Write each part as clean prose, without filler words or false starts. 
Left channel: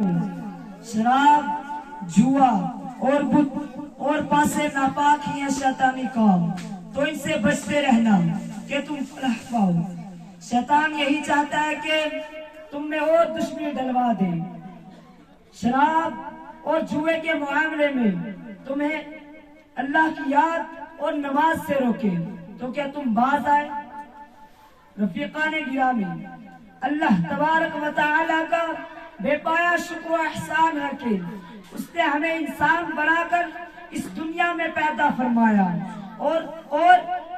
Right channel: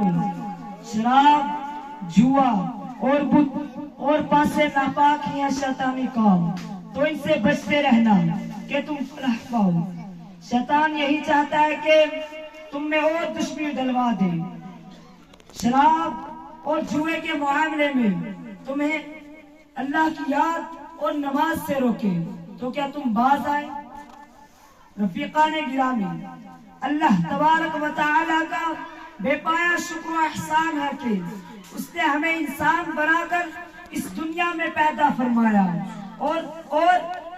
مسلمانوں، شراب، جوا اور بت اور پاسے ناپاک ہی ہیں شیطانی کام، تو ان سے بچتے رہنا کہ تم فلاح پاؤ۔ شیطان یہی چاہتا ہے کہ تم میں اور دشمنی ڈلوا دے، شراب اور جوئے کے معاملے میں تمہیں اللہ کی یاد اور نماز سے روکے، تو کیا تم باز آئے؟ رفیقان گرامی، اللہ تبارک و تعالی کا بے پایا شکر و احسان ہے کہ اس نے ہمیں انسان بنا کر اس دنیا میں پیدا فرمایا، اور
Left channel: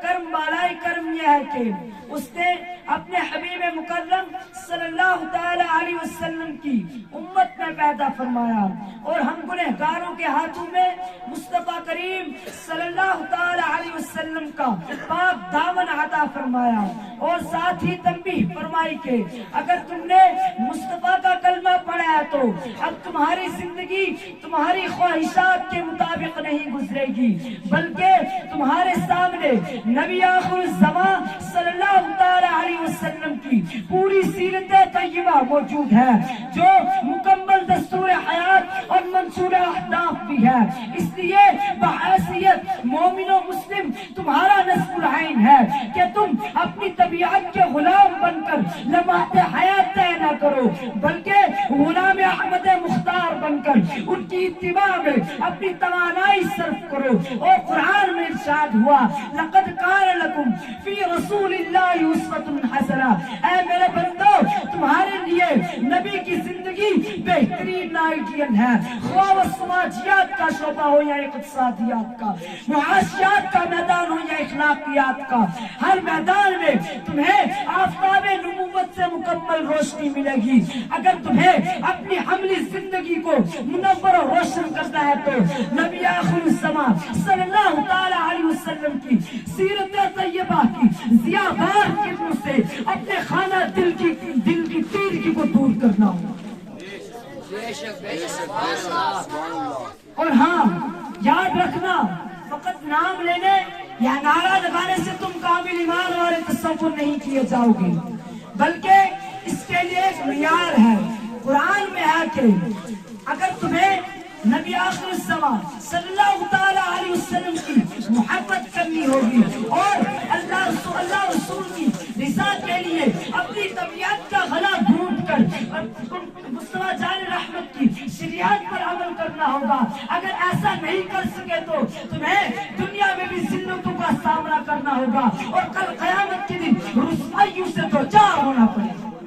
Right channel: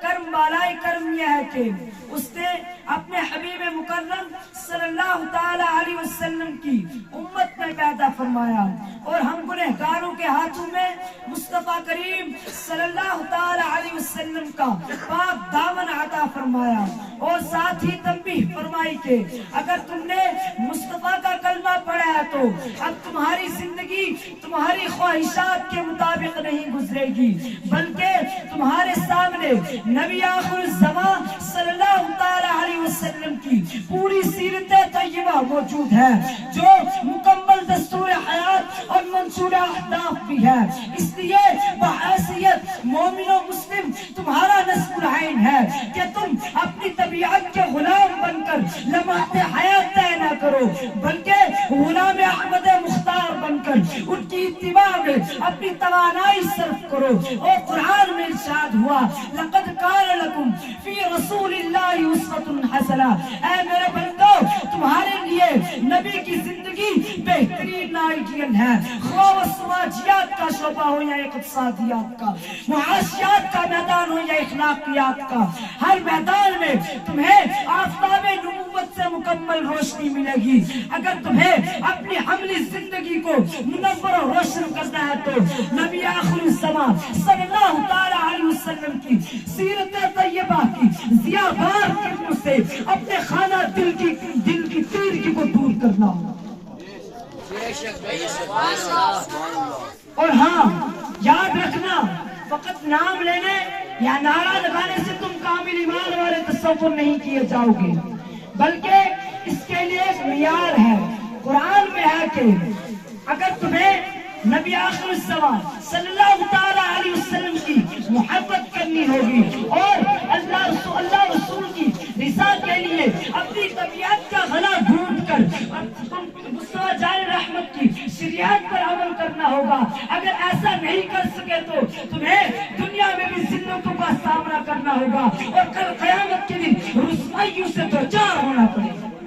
کرم بالائی کرم یہ ہے کہ اس نے اپنے حبیب مکرم صلی اللہ تعالی علیہ وسلم کی امت میں پیدا فرمایا، اور ہم گنہگاروں کے ہاتھوں میں مصطفیٰ کریم صلی اللہ تعالی علیہ وسلم کا پاک دامن عطا فرمایا، اور ساتھ ہی تنبیہ فرمائی کہ اگر تم نے مصطفیٰ کا کلمہ پڑھا ہے تو اب تمہاری زندگی تمہاری خواہشات کے مطابق نہیں گزرے گی، بلکہ تمہارے سامنے نبی آخر الزمان صلی اللہ تعالی علیہ وسلم کی پوری سیرت طیبہ موجود ہے، جو مکمل دستور حیات اور منصور اہداف بھی ہے۔ اس لیے بحیثیت مومن و مسلم تمہارا نصب العین ہے کہ تم اپنی طبیعت کے غلام بن کر لمحات حیات طے نہ کرو، بلکہ غلام احمد مختار بن کر ان کی اتباع میں اپنی توانائی صرف کرو۔ اور قرآن میں ارشاد ہوا، لقد کان لکم فی رسول اللہ اسوۃ حسنہ، اے میرے بندو تمہارے لیے نبی کی زندگی بہترین آئیڈیل ہے، خواہ وہ سماجیات کا شعبہ ہو یا اقتصادیات کا، معاشیات کا میدان ہو یا اخلاقیات کا، ہر میدان میں تمہیں آفتاب نبوت سے مکمل روشنی ملے گی۔ اگر تمہیں اپنی عملی زندگی کو منور و روشن کرنا ہے تو نبی آخر الزمان صلی اللہ تعالی علیہ وسلم کی سیرت طیبہ کی ضیاء بار قدموں سے اپنے خانہ دل کی تیرگی کو دور کرنا ہو۔ اور ہاں یاد رکھنا، فقط نام لینے یا نعرہ لگانے سے تم کامل ایمان والے تصور نہیں کیے جاؤ گے، بلکہ اس کے لیے ایک معیار ہے۔ قرآن میں ہے کہ اگر تمہیں نبی آخر الزمان صلی اللہ تعالی علیہ وسلم کی محبت کرنی ہوگی اور اللہ رسول کی رضا کے لیے اپنی طبیعت کا غلا ڈھونڈ کر مصطفیٰ جان رحمت کی شریعت پر عمل کرنا ہوگا۔ اگر ایسا نہیں کر سکے تو تمہیں دنیا میں بھی ذلتوں کا سامنا کرنا ہوگا، اور کل قیامت کے دن رسوائیوں سے